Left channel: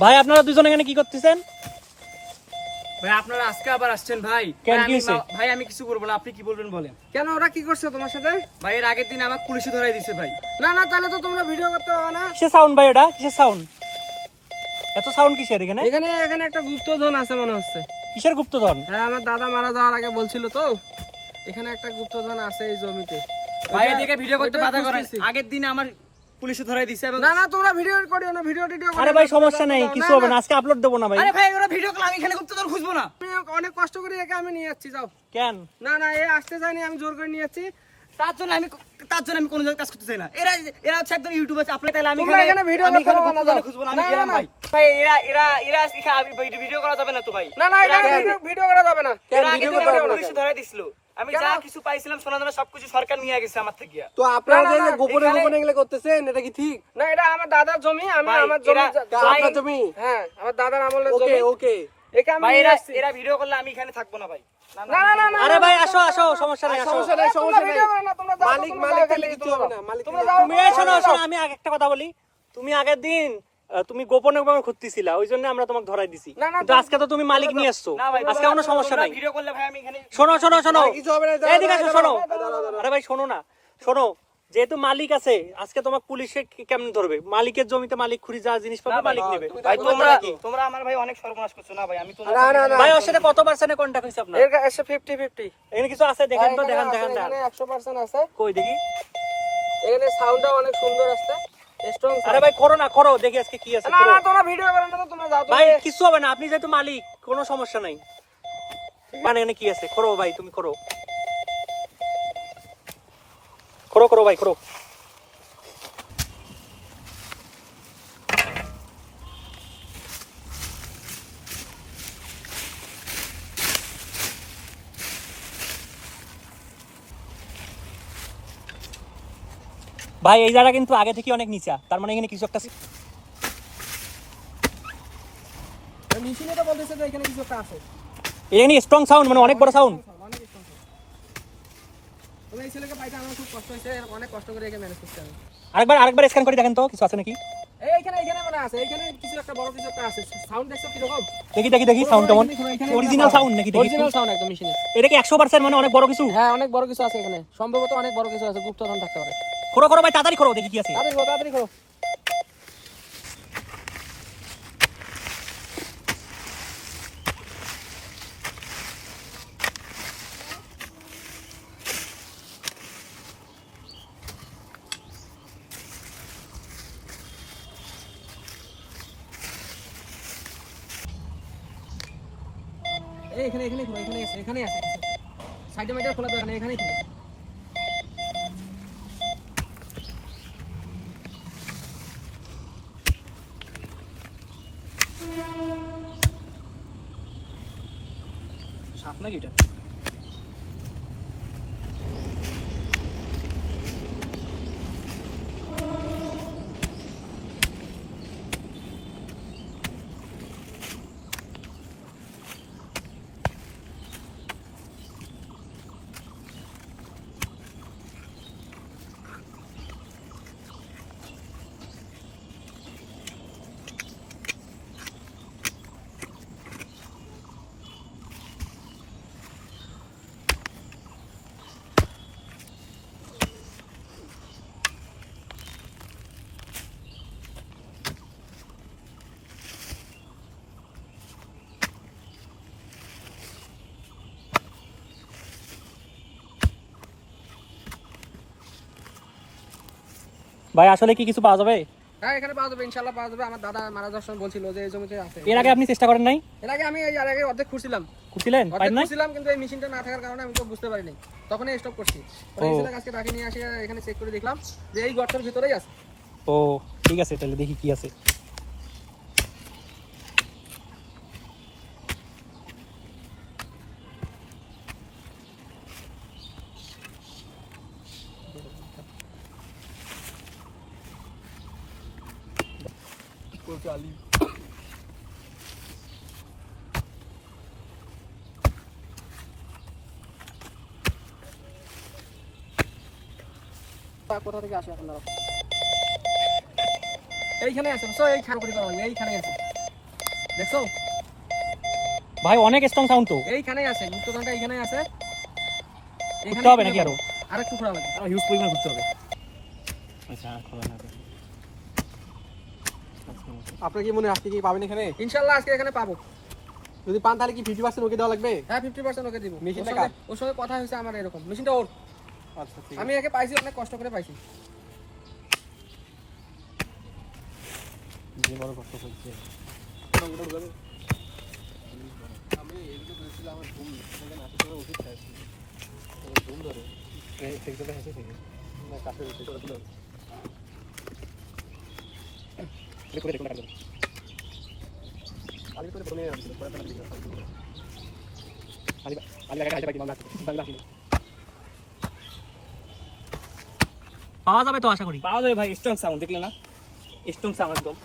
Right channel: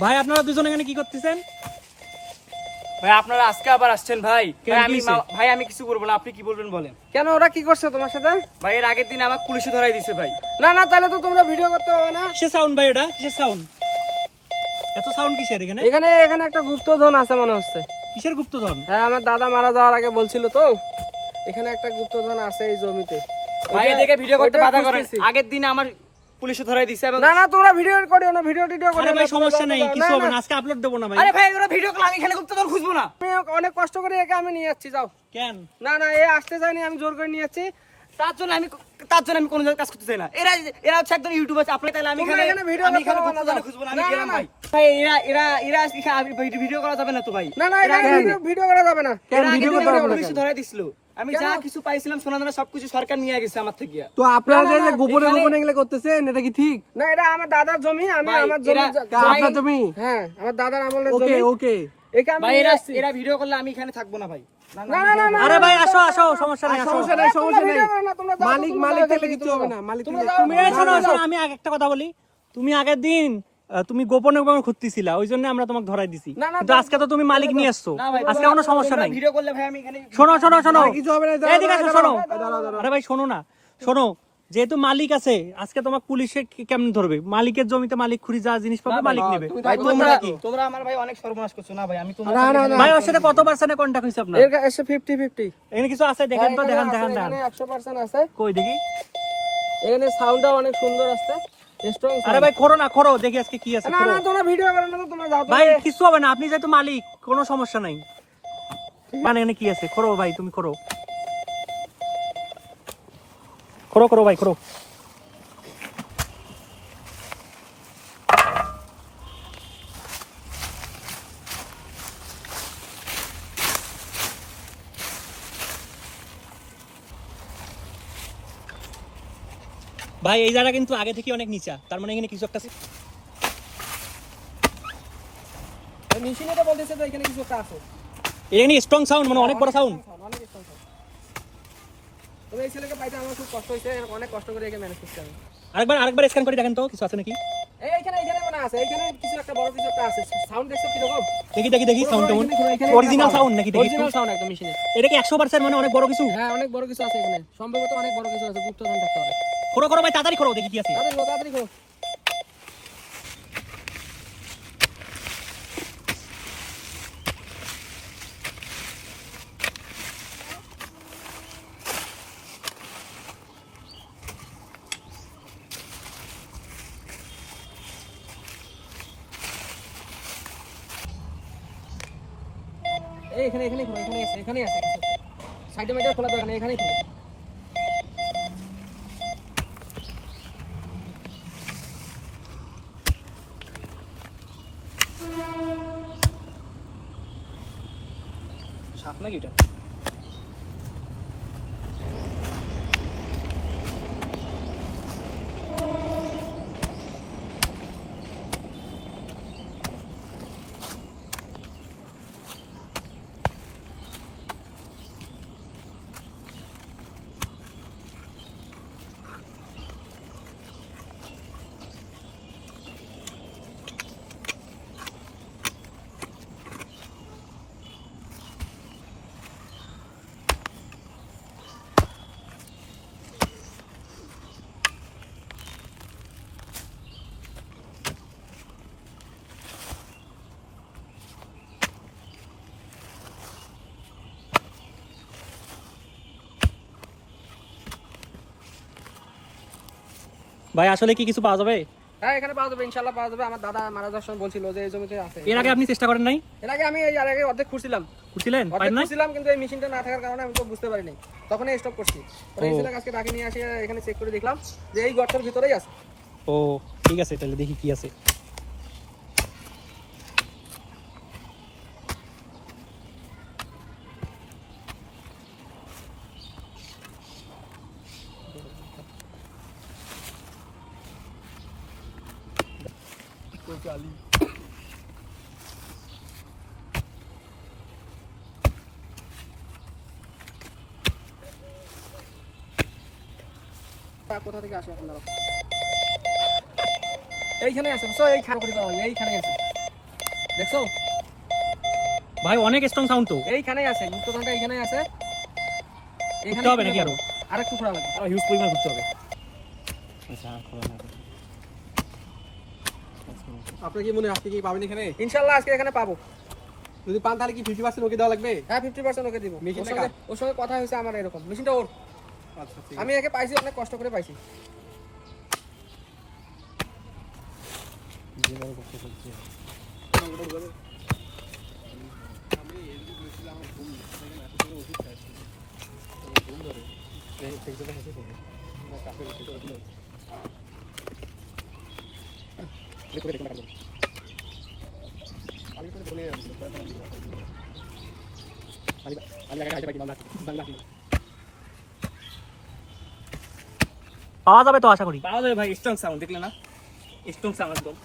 ভাই আপনারা দুজন এখানে কি করতেছেন? ভাই আপনারা আজকে আবার আসছেন ভাই? ভাই আমি কিছু করবো না, আপনি কি বলবেন বলেন। কেন, ওরা কি করছে তোমার সাথে? ভাই এর আগের দিন আমাকে পুলিশে ধরাই দিছে ভাই। না না, তাহলে তো তোমরা ভিডিও করতে হবে না। কিসের সাউন্ড ভাই এটা? কিসের সাউন্ড? এত সাউন্ড কিসের এখানে? এখানে এখানে একটা গুপ্তধন আছে মনে হচ্ছে। কিসের গুপ্তধন? হ্যাঁ, আমার দাদা মারা যাওয়ার আগে বলছিল তো, এখানে একটা গুপ্তধন আছে এই জমিতে। ভাই এদিকে ভিডিও করতে ওইটা বাধা করেন। খুঁজতেছি। আগের দিন আমার পুলিশে ধরাই দিছে এবং না না, তোমরা ভিডিও করিও না, ভিডিও টিডিও আরে ভাই সমস্যা নাই, কিছু হবে না, আজকে আপলোড দেবো না ভাই। আরে ভাই ওরা ভিডিও করলে আমি এখানে গুপ্তধন খুঁজবো না। আমি অনেক কষ্ট করে একে আমি নিয়ে যাচ্ছি, যাও। কেন? না না, এ আসতে চাইনি, আমি জোর করে নিয়ে যাচ্ছি। তার জন্য আমি কোনো জায়গায় কাজ করতে চাই না। এরা হচ্ছে একদম ইউটিউব আছে, আপনি তাহলে আমি তোমরা এখানে ভিডিও আমি এখানে করতে গুপ্তধন পারো না, খুঁজবো না, না, আমি না, গেলাম না। ভাই। ভাই এরা ভিডিও করা যাবে না তো ভাই। না না, এখানে ভিডিও করা যাবে না। এরা আগের দিন আমার পুলিশে ধরাই দিছিল। আমি যা কিছু পাইছিলাম সোনা দানা সবকিছু সরকার নিয়ে গেছে আমার থেকে। তো আপনারা না, না, গোপনে এখানে- গোপনে এগুলো করতেছেন, এটা কি ঠিক? না, এটা আমার দাদার জমি, আমি ভাই, আমার জমি। আপনার জমি? হ্যাঁ, আমার দাদার আমলের ওকে জমি। ওকে। একে আমি ভাই নিয়ে এরা আসছি। এরা ভিডিও করলে আমি এখানে থাকবো না ভাই। না না না না, আরে ভাই আসো আসো, সমস্যা নাই, সমস্যা সমস্যা নাই, তোমরা সমস্যা ভিডিও নাই। করো না, তোমরা যাও, মালিক তোমরা মালিক যাও, তাহলে এখান থেকে কিছু তোমরা হবে যাও। না, মালিক তোমরা তাহলে যাও, আপনি- তোমরা শোনো, যাও। শোনো, আমি একটা কথা বলি। তুমি আগের দিন তুমি গোপনে গোপনে ঘুরতেছিলা, ওই জন্য আমরা তোমাকে ধরাই দিছি। না, না, কিন্তু আজকে তো তুমি মালিক নিয়ে আসছো। না ভাই আজকে কোনো সমস্যা তোমরা নাই। ভিডিও করলে ভাই আমি এখানে শোনো শোনো শোনো, আর কিছু হবে না, এই দাঁড়াও, যে দাঁড়াও, দেখো, শোনো। দাঁড়াও, দাঁড়াও। আরে ভাই শোনো না, শোনো, যেহেতু মালিক আছে, আজকে তোমার পুলিশে কেমন ধরবে? মালিকের জমিতে মালিক খুঁড়ি যা জিনিস পাবে মালিক নেবে। ভাই তোমরা আমার ভাই অনেক সর্বনাশ করছো না ভাই। আমি তোমার না, না, না। ভাই ওর সাথে কত পার্সেন্টে কন্টাক্ট হইছে আপনার? এর কাছে 50-50 এখানে কিছু আছে দেখেন তো, দেখান দেখান দেখান। এখানে 100% আছে। কই দেখি। এখানে সাউন্ডটা অনেক সুন্দর আসছে, স্ট্রং আরে সাউন্ড। ভাই খোরো না, খোরো, দেখি আজকে কি আছে। না না, তোমরা ভিডিও করো না, তো তোমরা যাও। ভাই তোমরা কিছু হবে না, আপনি যেহেতু মালিক কোনো সমস্যা নাই। মানে এখানে কি আছে? খোরো ভাই, তুমি খোরো, খোরো খোরো ভাই খোরো। ভাই এই জায়গা কিন্তু আগে থেকে অনেক নিচা, তার মানে এখানে কিছু একটা মেশিনে তো বলতেছে তো এখানে কিছু একটা আছে। এখানে স্ট্রং সাউন্ড, মানে অনেক বড় সাউন্ড। অনেক strong sound। তবে এই ছেলেকে পাইতে আমার খুব কষ্ট হয়েছে, অনেক কষ্ট করে একে ম্যানেজ করতে হবে। আরেকবার স্ক্যান করে দেখেন তো কিছু আছে নাকি। এইখানে মনে আছে, এইখানে কিছু একটা বড় কিছু একটা আছে। সাউন্ড দেখছো কি রকম? দেখি সাউন্ড কেমন, অরিজিনাল সাউন্ড নাকি? দেখি অরিজিনাল সাউন্ড একদম মেশিনে। এটা কি 100% মানে অনেক বড় কিছু? হ্যাঁ, অনেক বড় কিছু আছে এখানে, সম্ভবত অনেক বড় কিছু আছে, গুপ্তধন থাকতে পারে। খোরো খোরো ভাই, তাড়াতাড়ি খোরো, দেখি কি আছে। তাড়াতাড়ি করো। এই এখানে খোলো, এখানে আছে কিছু। সাইডে মাইডে খোলা দরকার নেই, এখানেই খোলো। সাপ নাকি এটা? ভাই আসলে কি কিছু পাওয়া যাবে? হ্যাঁ, এখানে পাওয়া যাবে, ইনশাআল্লাহ পাওয়া যাবে। আমার দাদা মারা যাওয়ার সময় বলছিল যে এই জমিতে আছে। এর আগে আপনি চেষ্টা করেন নাই? এর আগে আমি এর আগে অর্ধেক খুঁজছিলাম, খুঁজছিলেন, পাইন নাই? কিন্তু এই মেশিনটা না থাকার কারণে আমি তো বুঝতে পারিনি, তখনই স্টপ করছি। পরে এই ছেলেকে আজকে ডাকি নিয়ে আসি, এখানে চেক করে দেখলাম যে এই গর্তের ভিতরেই আছে। ও ঠিক আছে, তাহলে দেখি কি আছে। কোথা থেকে আসে এখন? এইখানে আছে, এইখানে আছে। দেখছো ভাই অনেক স্ট্রং সাউন্ড তো। এইখানেই আছে, মুক্তদানটা এইখানেই আছে। ঘুরতে হবে নাকি আরো? আরেকটু ঘোরা লাগবে। আরো হিউজ পরিমাণ ঘুরতে হবে। আচ্ছা খোলা না। আপনার কি মনে হয় আজকে কি পাবেন এখানে? ইনশাআল্লাহ আজকে এখানে পাবো। যদি পান তাহলে কি 50% ওকে দেওয়া লাগবে? হ্যাঁ 50% ওকে দিব। মেশিনটা ওর সঙ্গে কথা হয়েছে আমার এরকম। মেশিনটা ওর। আচ্ছা ঠিক আমি একে পাইছি, অনেক কষ্ট করে পাইছি। যে বড় কষ্ট করছে। পাওয়া যাবে তো আশা করি। পাওয়া যাবে ভাই, স্ট্রং সাউন্ড দেখলে না, স্ট্রং সাউন্ড একদম।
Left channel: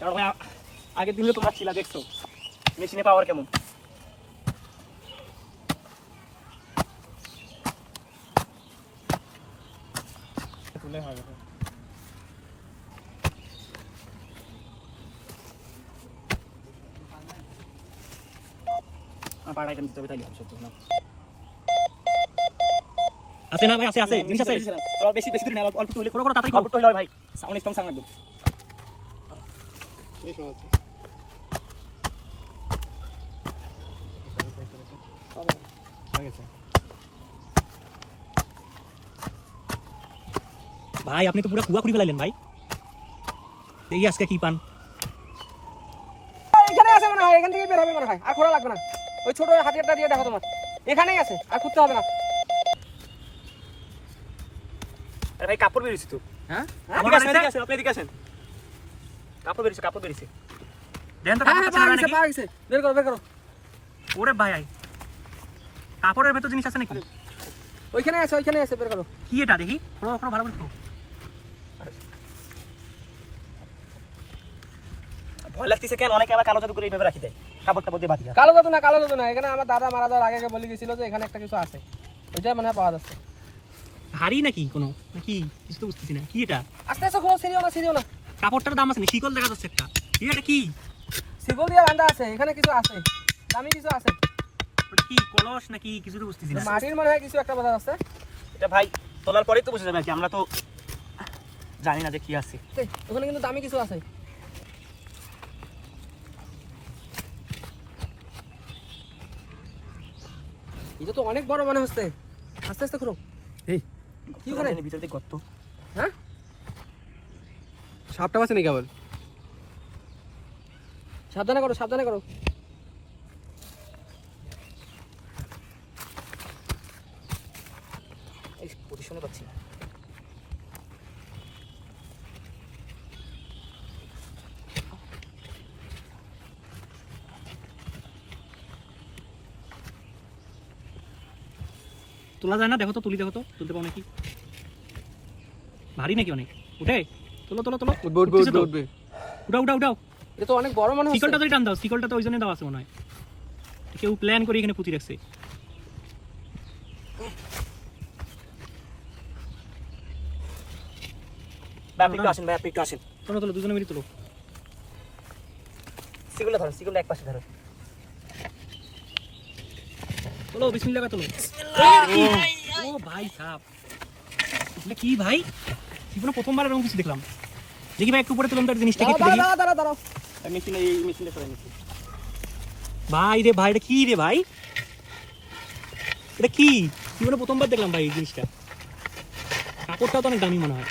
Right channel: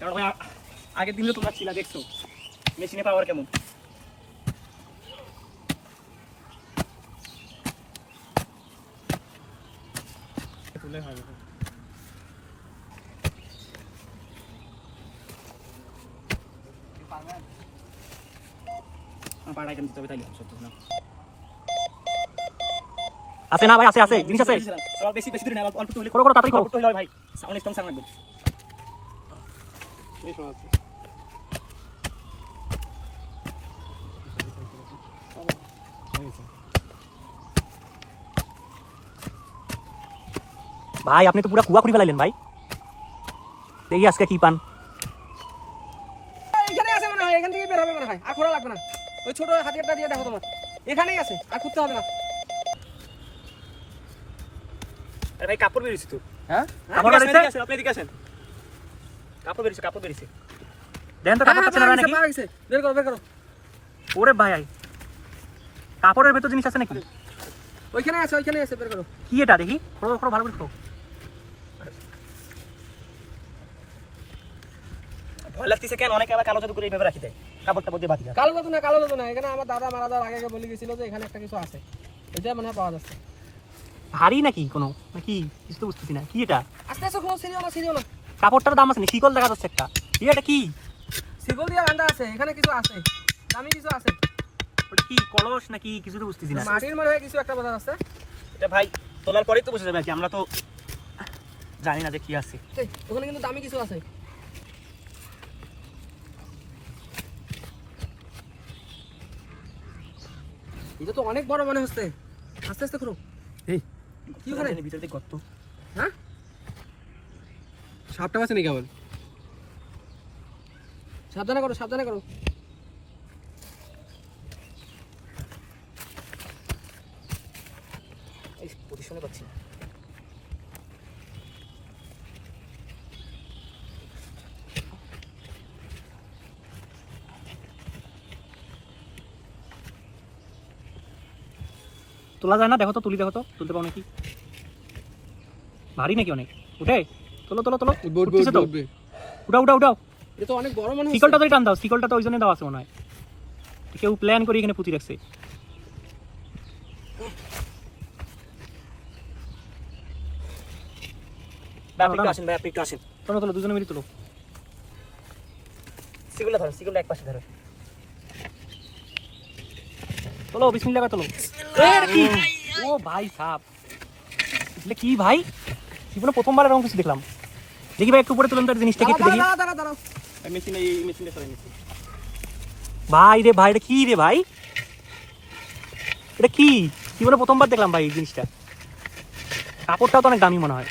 কারণ ভাই আগের দিনও তোমরা ছিলা, দেখছো মেশিনে পাওয়ার কেমন। পাড়ায় কেন দিতে হবে তাই সত্য না। আছে না ভাই? আছে আছে জিনিস আছে। বেশি বেশি দূরে না, অল্প তুলে করো করো তাড়াতাড়ি করো। অল্প তুলে ভাই, সাউন্ড স্ট্রং সাউন্ড একদম। আছে। ভাই আপনি তো পুরো কুয়া খুঁড়ে ফেলাইলেন ভাই। দেখি আজকে কি পান। এখানে আছে মনে হয়, এখান থেকে বের হবে মনে হয়। আর খোলা লাগবে না। ওই ছোট হাতিয়ারটা দিয়ে দেখো তোমার। এখানেই আছে, আর খুঁজতে হবে না। আরে ভাই কাপড় বেরিয়েছে তো। হ্যাঁ? আপনি আসেন, আপনি এদিকে আসেন। কাপড় বেরিয়েছে, কাপড় বেরিয়েছে। দেন তো হ্যাঁ, কাপড় আছে না নাকি? পাওয়া গেছে। বের করো, বের করো। ওরে ভাই কাপড়ের ভেতর জিনিস আছে নাকি? ওইখানে আছে, ওইখানে আছে, বের করো। কি এটা দেখি? খোলো খোলো ভালো করে খোলো। ভয় লাগতেছে কেন? অনেকে আবার কালো জাদু করে এইভাবে রাখি দেয়, কাপড় টাপড় দিয়ে বাঁধি দেয়। কালো জাদু না, কালো জাদু না। এখানে আমার দাদা মারা যাওয়ার আগে বলে গেছিল যে এখানে একটা কিছু আছে। ওইটা মনে হয় পাওয়া যাচ্ছে। ভারী নাকি কোনো নাকি? কিছু তো বুঝতেছি না। কি এটা? আস্তে আস্তে খোলো, সিরিও না, সিরিও না। কাপড়টার দাম আছে না? শিকল দেখা যাচ্ছে একটা। কি এটা কি? সিগল দিয়ে বাঁধা আছে, এখানে কিছু আছে। দামি কিছু আছে। ওটা কি কলস নাকি? কিছু তো বুঝতেছি না। মাটির মনে হয় কিছু একটা বাঁধা আছে। এটা ভাই তোলার পরেই তো বুঝে যাবে আর কি, আমরা তো জানি না যে কি আছে। এই, ওখানে কিন্তু দামি কিছু আছে। এটা তো অনেক বড় মনে হচ্ছে। আস্তে আস্তে করো। এই কি ওখানে? ভিতর দিয়ে গর্ত। হ্যাঁ? সাপটা আছে নাকি আবার? সাবধানে করো, সাবধানে করো। এই পজিশনে পাচ্ছি না। তোলা যায় না? দেখো তো, তুলি দেখো তো, তুলতে পারো নাকি? ভারী নাকি অনেক? উঠে তোলো তোলো তোলো। উঠবে উঠবে উঠতেছে উঠবে তো? উঠবে। উঠাও উঠাও উঠাও। এটা তো অনেক বড় মনে হচ্ছে। শিকলটা তো টান দাও, শিকলটা তো ওই জন্য দেওয়া আছে মনে হয়। কেউ প্ল্যান করে এখানে পুঁতি রাখছে। ভাই আপনি একটু আসেন, ভাই আপনি একটু আসেন। তোলো তোলো, দুজনে মিলে তোলো। সিগুলো ধরো, সিগুলো এক পাশে ধরো। তোলো বিসমিল্লাহ করে তোলো। ও ভাই সাপ, এটা কি ভাই? জীবনে প্রথমবার এরকম কিছু দেখলাম। দেখি ভাই একটু পরে তুলুন তো জিনিসটা কি একটু দেখি। দাঁড়াও, দাঁড়াও, দাঁড়াও। মেশিনে এই মেশিনটা সরাই নিচ্ছি। ভাই রে ভাই, এটা কি রে ভাই? এটা কি? জীবনে প্রথমবার দেখলাম ভাই এই জিনিসটা। কাপড়টাও তো অনেক দামি মনে হয়।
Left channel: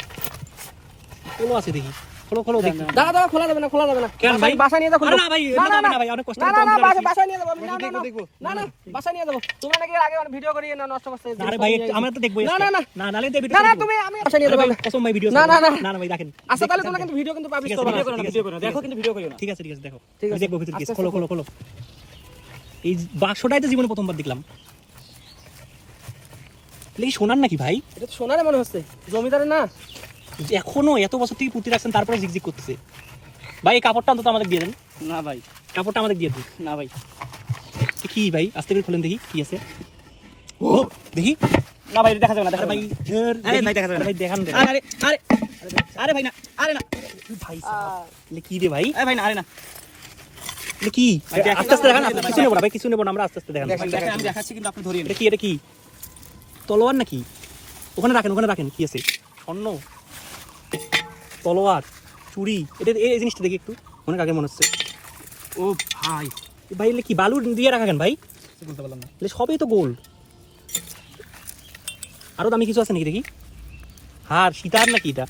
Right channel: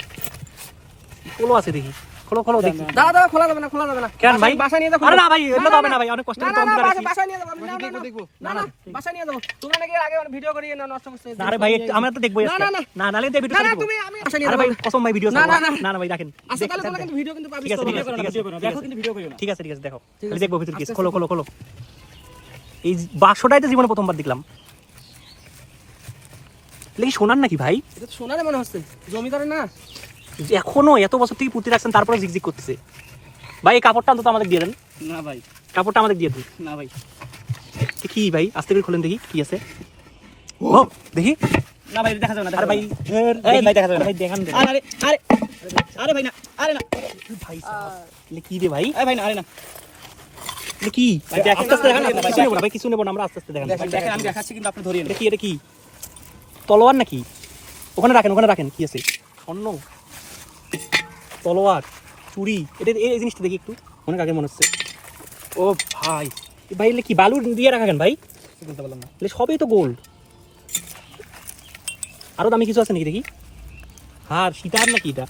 খোলো আছে দেখি, খোলো খোলো দেখি। দাঁড়াও, দাঁড়াও, খোলা যাবে না, খোলা যাবে না। কেন ভাই? বাসায় নিয়ে যাও। আরে না ভাই, এটা হবে না ভাই, অনেক কষ্ট না, করে না, না, তৈরি করেছি। বাসায় নিয়ে যাবো। না, না, না, দেখবো। না, না, বাসায় নিয়ে যাবো। তোমরা নাকি এর আগে অনেক ভিডিও করিয়ে নষ্ট করছে। আরে ভাই একটু আমরা তো দেখবোই না, আজকে। না, না। না নালে তো ভিডিও না, না, তুমি আমি বাসায় নিয়ে আরে যাবো। ভাই কসম ভাই ভিডিও না, না, না। না না ভাই রাখেন। আচ্ছা তাহলে তোমরা কিন্তু ভিডিও কিন্তু পাবলিশ ঠিক আছে, করবে না। ঠিক আছে, ঠিক আছে। দেখো কিন্তু ভিডিও করিও না। ঠিক আছে ঠিক আছে, দেখো। ঠিক আমি আছে। দেখবো ভিতর কি আছে। আস্তে খোলো খোলো খোলো। এই বাক্সটাই তো জীবনে প্রথমবার দেখলাম। এটা কি সোনার নাকি ভাই? এটা তো সোনারে মনে হচ্ছে, জমিদারের না। এখনো এত বছর থেকে পুঁতি রাখছেন, তারপরে ঝিকঝিক করতেছে। ভাই এই কাপড়টা অন্তত আমাদের দিয়ে দেন। না ভাই, কাপড়টা আমাদের দিয়ে দিন। না ভাই, তো কি ভাই, আস্তে করে খোলেন দেখি কি আছে। ও দেখি। না ভাই, দেখা যাবে না, দেখা আরে যাবে ভাই না। এই ভাই দেখা যাবে না। ভাই দেখান দেন। আরে আরে আরে ভাই না, আরে না। ভাই সাহেব, এগুলো কি রে ভাই? এই ভাই না, আরে না। এটা কি ভাই, দেখেন আস্তে আস্তে না, দেখান দেখেন না, কিছু নেবো না ভাই, কিছু নেবো না, আমরা আস্তে আস্তে দেখান। ভাই, দেখেন আমি দেখাচ্ছি কিন্তু আপনি ধরিয়ে এটা কি, এটা কি তলোয়ার নাকি? ওখানে রাখেন, ওখানে রাখেন, কি আছে? অন্য তলোয়ার, চুরি, এটা এই জিনিসটা দেখি একটু, অনেক আগে মনে হচ্ছে। ও ভাই, এ ভাই এগুলো কি বালু দিয়ে রাখা কেন ভাই? বলতে পারলাম না। এগুলো সবই তো গোল্ড। আরো দামি কিছু আছে নাকি দেখি? হার, সীতার নাকি এটা?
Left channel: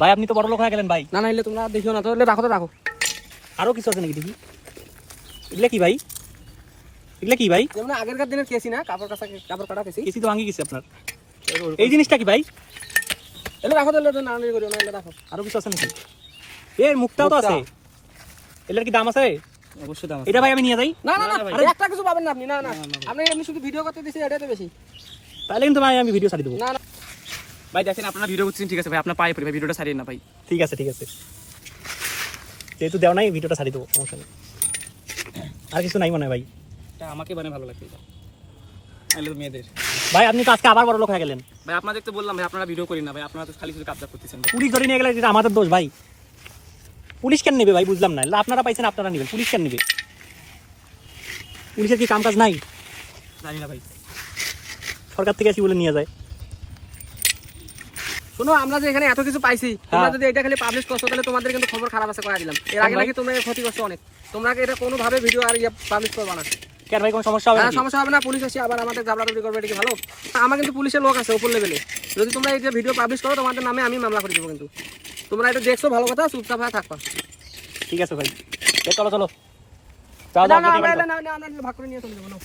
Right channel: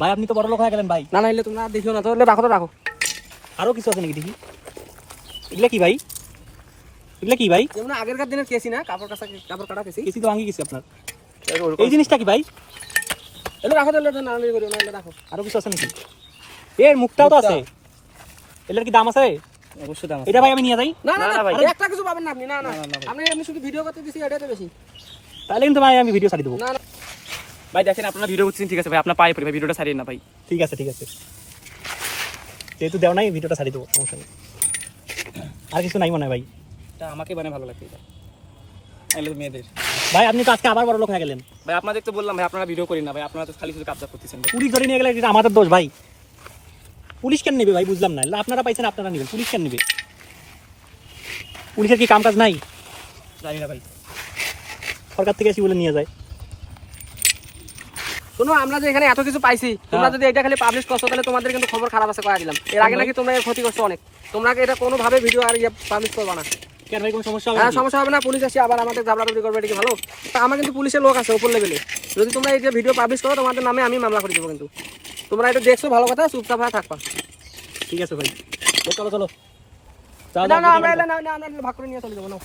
ভাই আপনি তো বড় লোক হয়ে গেলেন ভাই। না না এলে তোমরা দেখিও না, তাহলে রাখো তো রাখো। আরো কিছু আছে নাকি দেখি? এগুলা কি ভাই? এগুলা কি ভাই? যেমন আগেরকার দিনের কেসি না, কাপড় কাটা কেসি। কেসি তো ভাঙি গেছে আপনার। এই জিনিসটা কি ভাই? এলে রাখো, তাহলে না করিও না, এলে রাখো। আরো কিছু আছে নাকি? এর মুখটাও তো আছে। এটার কি দাম আছে? অবশ্যই দাম আছে। এটা ভাই আমি নিয়ে যাই। না না না, না ভাই। ভাই, একটা কিছু পাবেন না আপনি, না না না, না, ভাই। আপনি এমনি শুধু ভিডিও করতে দিছি, এটাই তো বেশি। তাহলে কিন্তু ভাই আমি ভিডিও ছাড়িয়ে দেবো। না না ভাই দেখেন আপনারা ভিডিও করছেন ঠিক আছে ভাই, আপনার পায়ে পড়ি ভাই, ভিডিওটা ছাড়িয়ে না ভাই। ঠিক আছে, ঠিক আছে, যেহেতু দেও নাই ভিডিওটা ছাড়িয়ে দেবো, সমস্যা নেই। আর কিছু নাই মনে হয় ভাই। এটা আমাকে মানে ভালো লাগছে এটা। এলে তো মেয়েদের। ভাই আপনি তো আজকে আবার বড় লোক হয়ে গেলেন। ভাই আপনাদের তো বললাম ভাই আপনারা ভিডিও করেন না ভাই, আপনারা তো খালি শুধু কাবজা করতেছেন ভাই। পুলিশ ধরে নিয়ে গেলে এটা আমাদের দোষ ভাই। পুলিশ কেন নেবে ভাই, বুঝলাম না। আপনারা পাইছেন, আপনারা নেবেন, পুলিশ কেন নেবে? পুলিশের কি কাম কাজ নাই? জানি না ভাই। সরকার থেকে এসে বলে নিয়ে যায়। শোনো, আমরা যে এখানে এত কিছু পাইছি, তোমরা হ্যাঁ। যদি এটা খালি পাবলিশ করছো তাহলে তোমাদের কিন্তু খবর খারাপ আছে, কয়া দিলাম। এর আগে ভাই? নাকি তোমরা এর ক্ষতি করছো অনেক। তোমরা এটা কোনোভাবে ভিডিও আর পাবলিশ করবা না। কেন ভাই, কোনো সমস্যা হবে হ্যাঁ নাকি? সমস্যা হবে না, পুলিশ আসি আবার আমাদের ঝাবড়াঝাবড়ি করবে, এটা কি ভালো? আমার কিন্তু পুলিশের লোক আছে উপর লেভেলে, যদি তোমরা এই যে ভিডিও পাবলিশ করো তোমাদের নামে আমি মামলা করে দেবো। কিন্তু তোমরা এটা দেখছো ভালো কথা, চুপচাপ হয়ে থাকবা। ঠিক আছে ভাই, এ চলো চলো। যাও, না যাও, না দেখি আমরা বাড়ি না না আমরা ভাগ করে নিয়ে চলে যাবো না।